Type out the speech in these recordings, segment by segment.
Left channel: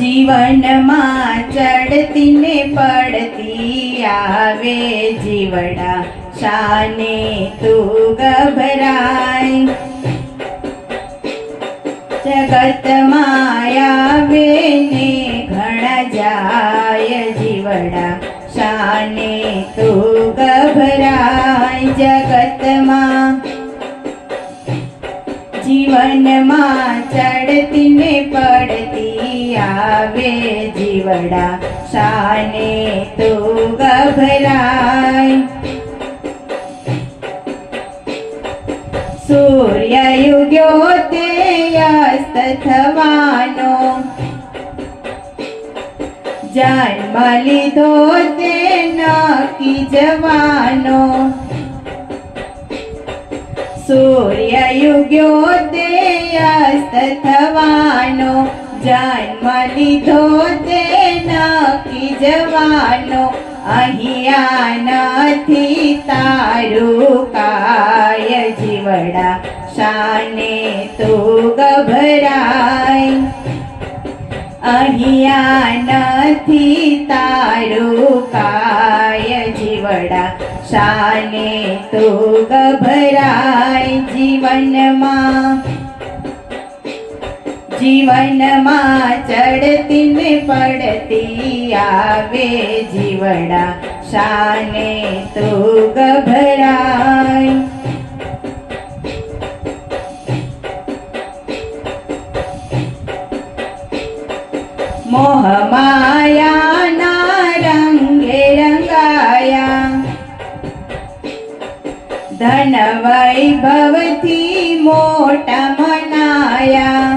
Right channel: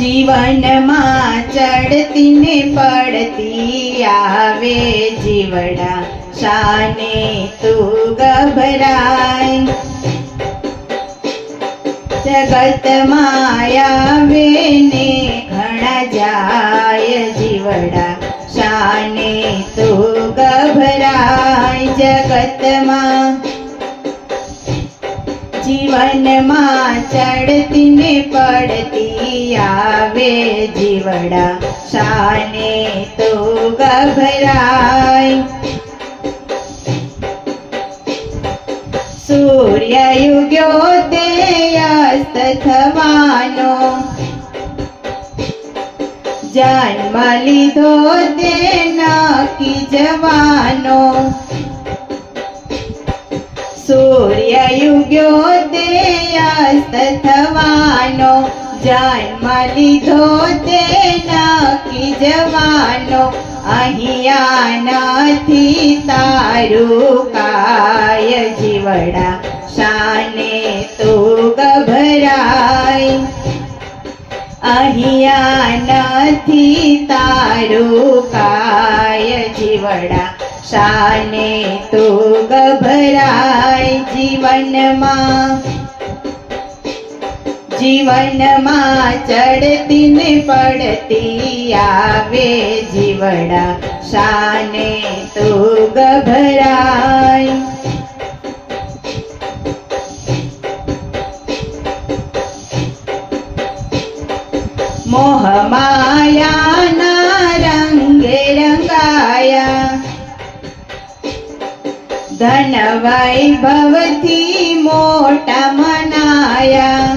જીવનમાં ચડતી ને પડતી આવે જીવડા, શાને તું ગભરાય. જગતમાં આવે ને ઘણા જાય જીવડા, શાને તું ગભરાય. જગતમાં જીવનમાં ચડતી ને પડતી આવે જીવડા, શાને તું ગભરાય. સૂર્ય ઉગ્યો તે અસ્ત થવાનો, જન્મ લીધો તે નક્કી જવાનો. સૂર્ય ઉગ્યો તે અસ્ત થવાનો, જન્મ લીધો તે નક્કી જવાનો. અહીંયા નથી તારું કાય જીવડા, શાને તું ગભરાય. અહીંયા નથી તારું કાય જીવડા, શાને તું ગભરાય. જીવનમાં ચડતી ને પડતી આવે જીવડા, શાને તું ગભરાય. મોહ માયાના રંગે રંગાયા, ધન વૈભવથી મોટા મનાયા.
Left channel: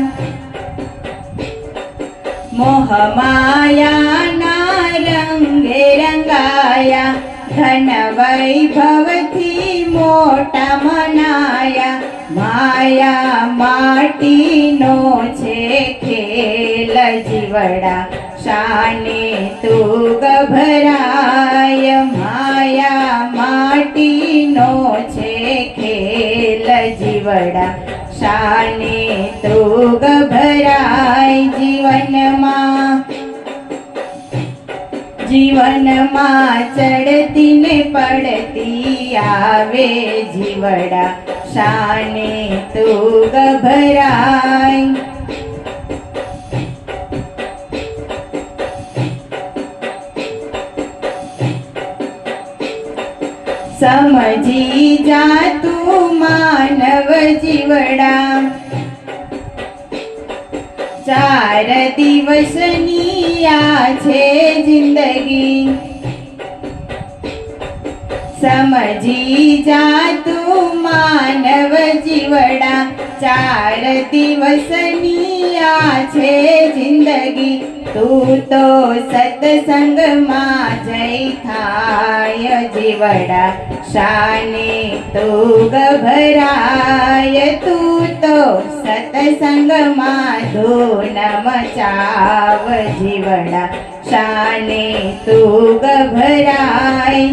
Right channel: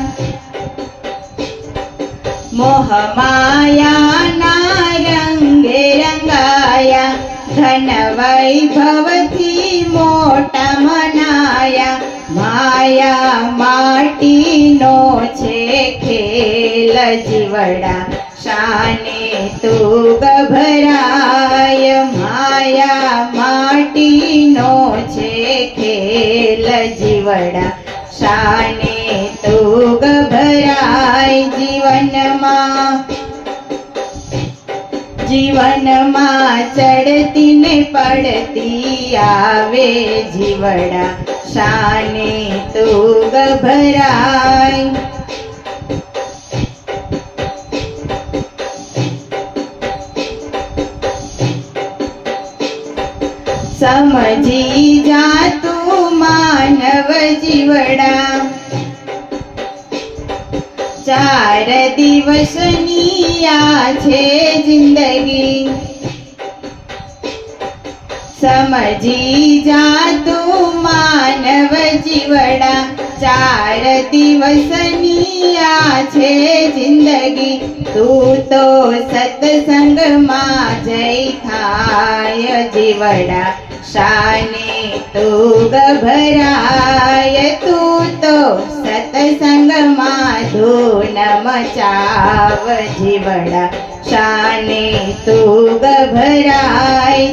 મોહ માયાના રંગે રંગાયા, ધન વૈભવથી મોટા મનાયા. માયા માટીનો છે ખેલ જીવડા, શાને તું ગભરાય. માયા માટીનો છે ખેલ જીવડા, શાને તું ગભરાય. જીવનમાં ચડતી ને પડતી આવે જીવડા, શાને તું ગભરાય. સમજી જા તું માનવ જીવડા, 4 દિવસની આ છે જિંદગી. સમજી જા તું માનવ જીવડા, 4 દિવસની આ છે જિંદગી. તું તો સત્સંગમાં જઈ થાય જીવડા, શાને તું ગભરાય. તું તો સત્સંગમાં ધૂન મચાવ જીવડા, શાને તું ગભરાય.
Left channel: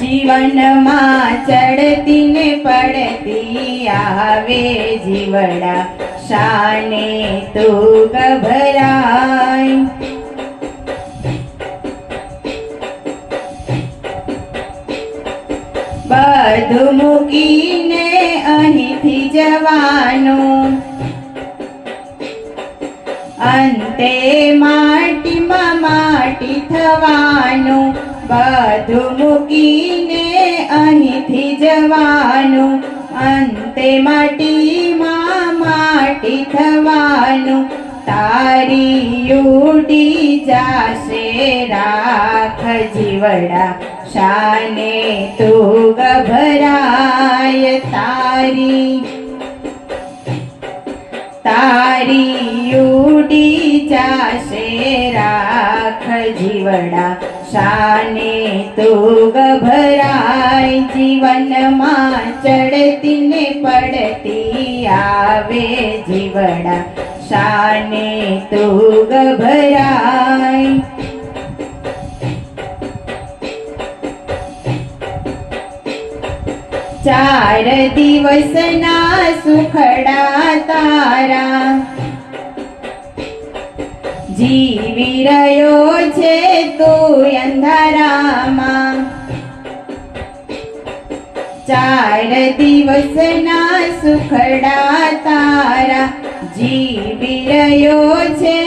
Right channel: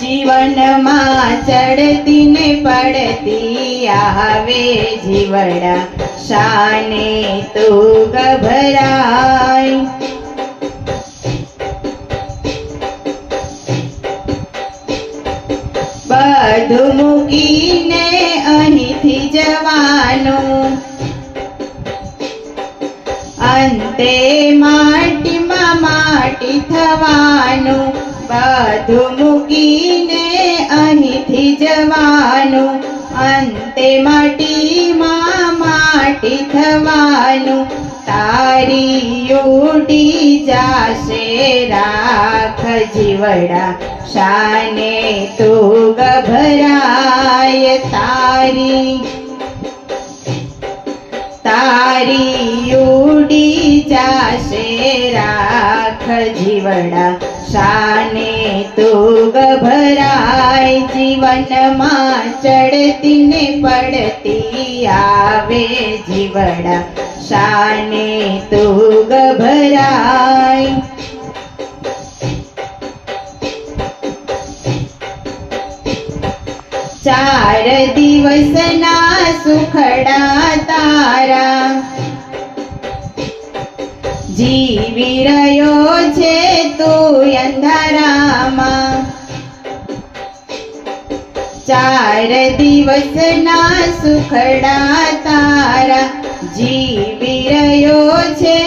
જીવનમાં ચડતી ને પડતી આવે જીવડા, શાને તું ગભરાય. બધું મૂકીને અહીંથી જવાનું, અંતે માટીમાં માટી થવાનું. બધું મૂકીને અહીંથી જવાનું, અંતે માટીમાં માટી થવાનું. તારી ઉડી જાશે રાખ જીવડા, શાને તું ગભરાય. તારી ઉડી જાશે રાખ જીવડા, શાને તું ગભરાય. જીવનમાં ચડતી ને પડતી આવે જીવડા, શાને તું ગભરાય. 4 દિવસના સુખડા તારા જીવી રહ્યો છે તું અંધારામાં. 4 દિવસના સુખડા તારા જીવી રહ્યો છે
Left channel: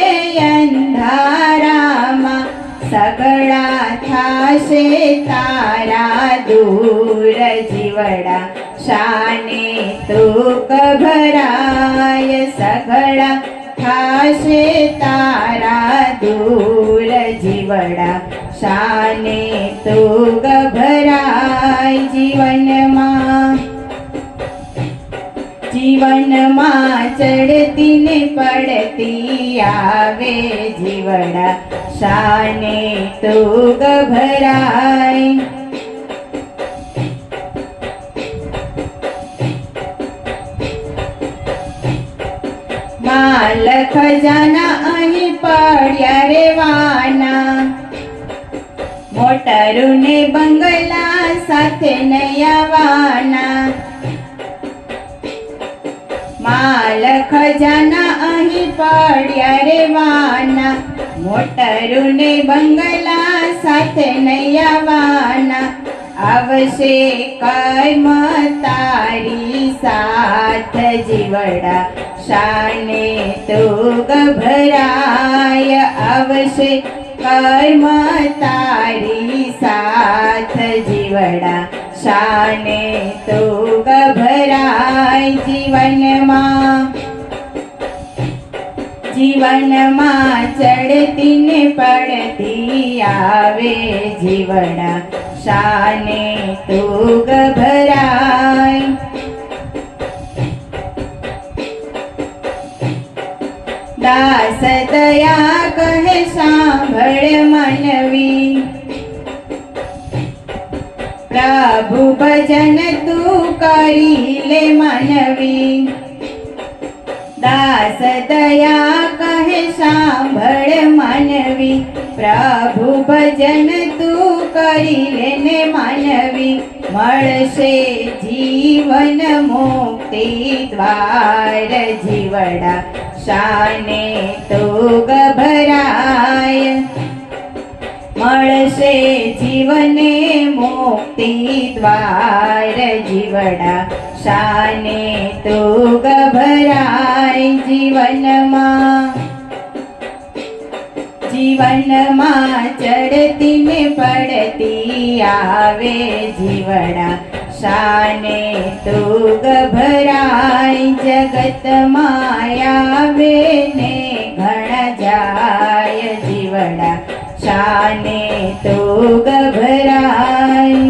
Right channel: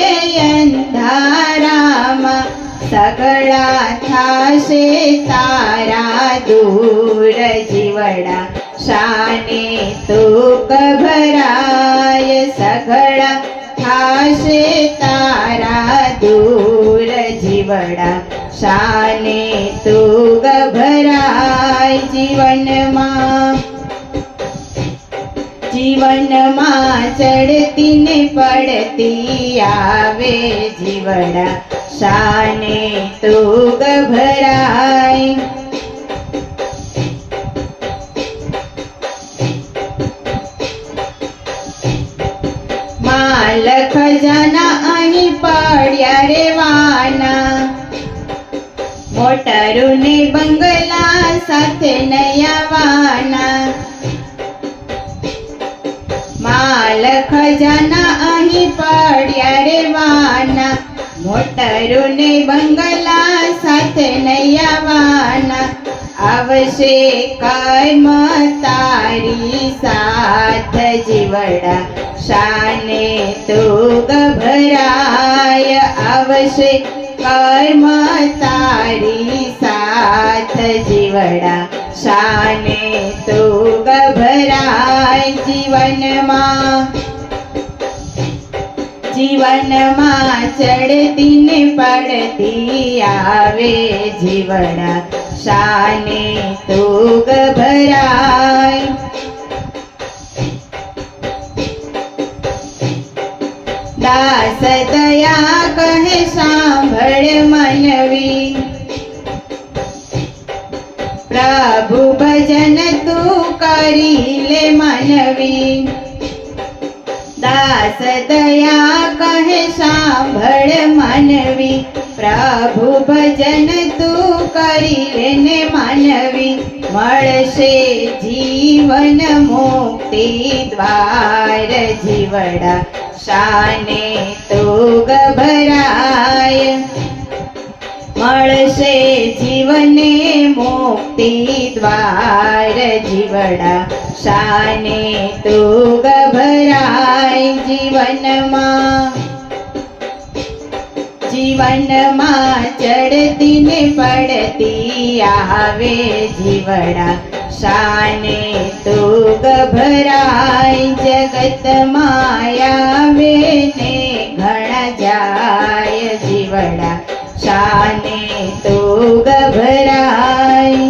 અંધારામાં. સગળા થાશે તારા દૂર જીવડા શાને તું ગભરાય. સગળા થાશે તારા દૂર જીવડા શાને તું ગભરાય. જીવનમાં ચડતી ને પડતી આવે જીવડા શાને તું ગભરાય. માલ ખજાના અહીં પડ્યા રેવાના. મોટરું ને બંગલા સાથે નહીં આવવાના. માલ ખજાના અહીં પડ્યા રેવાના. મોટરું ને બંગલા સાથે નહીં આવવાના. આવશે કાયમ તારી સાથ જીવડા શાને તું ગભરાય. આવશે કર્મ તારી સાથ જીવડા શાને તું ગભરાય. જીવનમાં ચડતી ને પડતી આવે જીવડા શાને તું ગભરાય. દાસ દયા કહે સાંભળ મનવી. પ્રભુ ભજન તું કરી લે મનવી. દાસ દયા કહે સાંભળ મનવી. પ્રભુ ભજન તું કરી લે ને મનવી. મળશે જીવન મુક્તિ દ્વાર જીવડા શાને તું ગભરાય. મળશે જીવને મુક્તિ દ્વાર જીવડા શાને તું ગભરાય. જીવનમાં ચડતી ને પડતી આવે જીવડા શાને તું ગભરાય. જગતમાં આવે ને ઘણા જાય જીવડા શાને તું ગભરાય.